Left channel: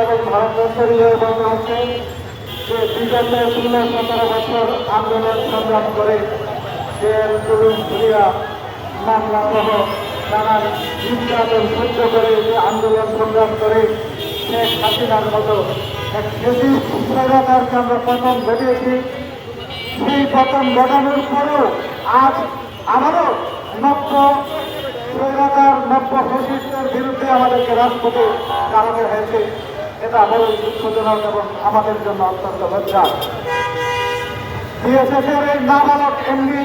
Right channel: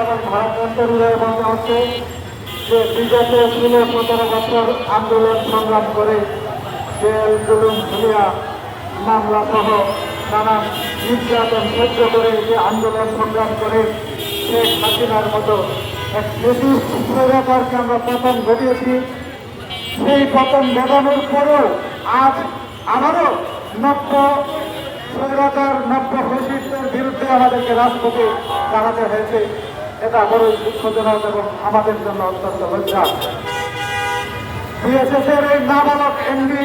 এবং ভারতের পরিচয় হচ্ছে যে বিগত ষোলো সতেরো বছর আন্দোলন সংগ্রাম করে জেল জুলুম ধরিয়া মামলা সহ নানান নির্যাতন সহ্য করে যে আন্দোলন সংগ্রাম করে শেখ হাসিনার মতো এক স্বৈরাচারকে আমরা পতন ঘটিয়েছি। সেই পতন ঘটানোর পরেও আজ আবারও নব্য স্বৈরাচার, নব্য ফেসিস্টের বিরুদ্ধে আমাদেরকে রাজপথে দাঁড়াতে হয়েছে। এটা বড় দুঃখজনক এবং আমাদের জন্য অত্যন্ত লজ্জা বিএসএসের এই নাবালক এমনি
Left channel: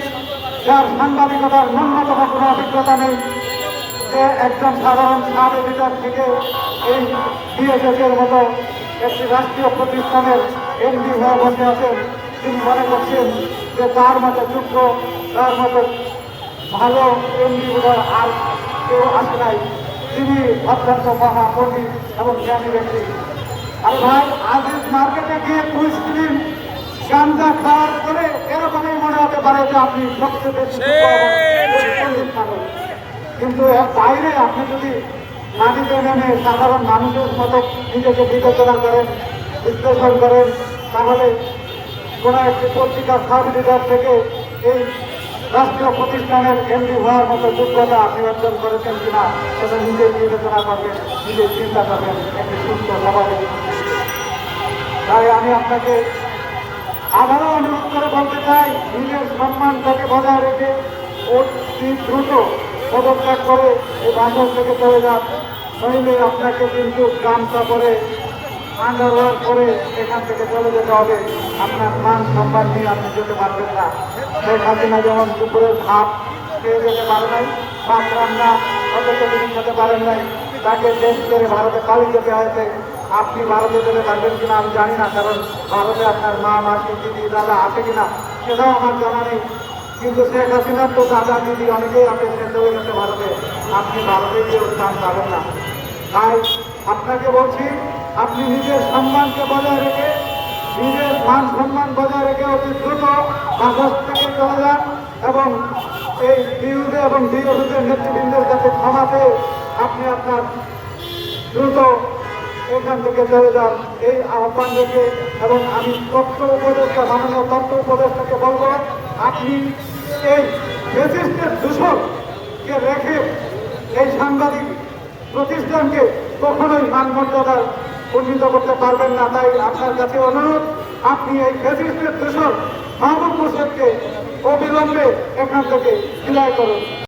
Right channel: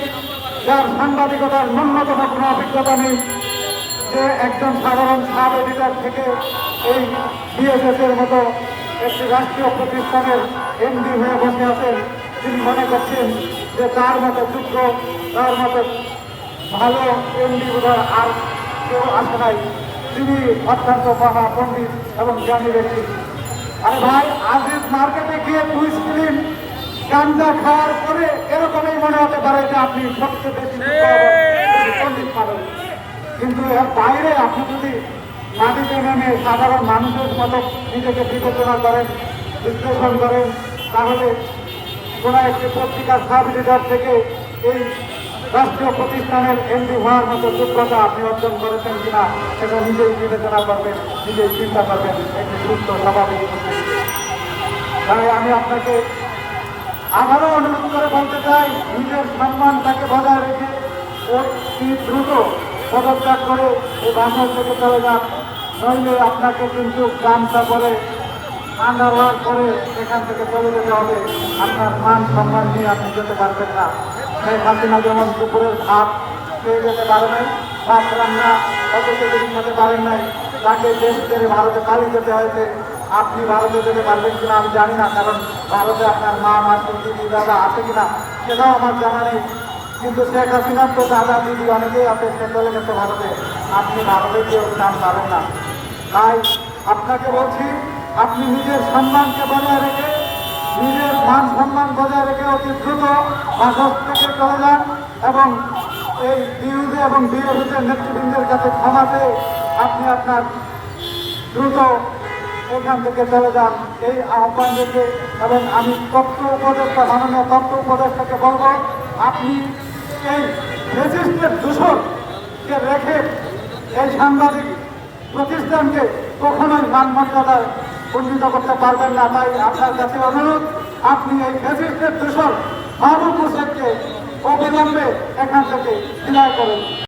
যার সাংবাদিকতার ন্যূনতম কোনো অভিজ্ঞতা নেই যে একজন সাধারণ সাব এডিটর থেকে এই বিএসএস এর মতো একটি রাষ্ট্রীয় প্রতিষ্ঠানের এমডি হয়ে বসে আছেন। তিনি মনে করছেন যে তার মতো যোগ্য তার মতো ভালো এমডি আর কেউ আসে নাই। তিনি অত্যন্ত মহা পণ্ডিত এবং জ্ঞানী ব্যক্তি। আরে ভাই আজিজ মার্কেটে গিয়ে কুইজ ফিল্ম গাঞ্জা খাওয়ার পরে এরকমই মনে হতে পারে যে আপনি সবচেয়ে বেশি কিন্তু বাইরে আপনি যদি মাটিতে নেমে সাধারণ মানুষের মতো নিজেকে বিবেচনা করেন বিশ্লেষণ করেন তাহলে কোনো একটি পত্রিকার সাব এডিটর থেকে এই রাষ্ট্রীয় প্রতিষ্ঠানের এমডি হওয়ার মতো যোগ্যতা আপনি অর্জন করেছেন কিনা সেটা নিজেই বিবেচনা করবেন, নিজেই চিন্তা করবেন, একটি সুস্থ, স্বাভাবিক তাই আমি আপনাকে আবারও অনুরোধ করে বলতে চাই, নিজের সম্মানটাকে বজায় রেখে অতি দ্রুত পদত্যাগ করে এই বাসন থেকে চলে যান। নইলে আপনাকে কিন্তু গামছা করে আন্ডারওয়ার করে এখান থেকে চলে যেতে হবে। আপনার মান সম্মান নিয়ে আপনি যেতে পারবেন না। শেখ হাসিনা যেমন দুপুরের ভাত খেয়ে যেতে পারে নাই, ভাত রান্না তিনি খেতে পারেন নাই, তাকে দেশ ছেড়ে ভারতে পালিয়ে যেতে হয়েছে। আপনি ভারতে যেতে পারবেন কিনা আমি জানি না, কারণ ভারতে আপনার মা, মাসি, দিদি, দাদা আছে কিনা সেটাও আমার জানা নেই। কিন্তু শেখ হাসিনার তো দাদা, দিদি অনেকেই আছে, সে চলে গেছে ভারতে। আপনি ভারতে গিয়ে স্থান পাবেন না। তাই আপনাকে বলছি আপনি নিজের সম্মানকে বজায় রেখে, নিজের মান সম্মান বজায় রেখে অতি দ্রুত বাসক থেকে চলে যান এবং এই বিরুদ্ধে এবং বিরোধীদের নেতৃবৃন্দের কাছে ক্ষমাতে আপনি আপনার দ্রুত এখান থেকে চলে যান। এই আহ্বান রেখে এবং আমি তথ্য উপদেষ্টা, মাননীয় তথ্য উপদেষ্টাকে বলব, আপনি এই ফেসিস্টের দূষণকে রেখে এই সাংবাদিক প্রতিষ্ঠানকে কখনোই মানমর্যাদায় উন্নীত করতে পারবেন না, তাই আপনার কাছে অনুরোধ, আপনি এই ফেসিস্টের দূষণ, মাহবুব হোসেনকে অবিলম্বে এখান থেকে বিদায় করুন।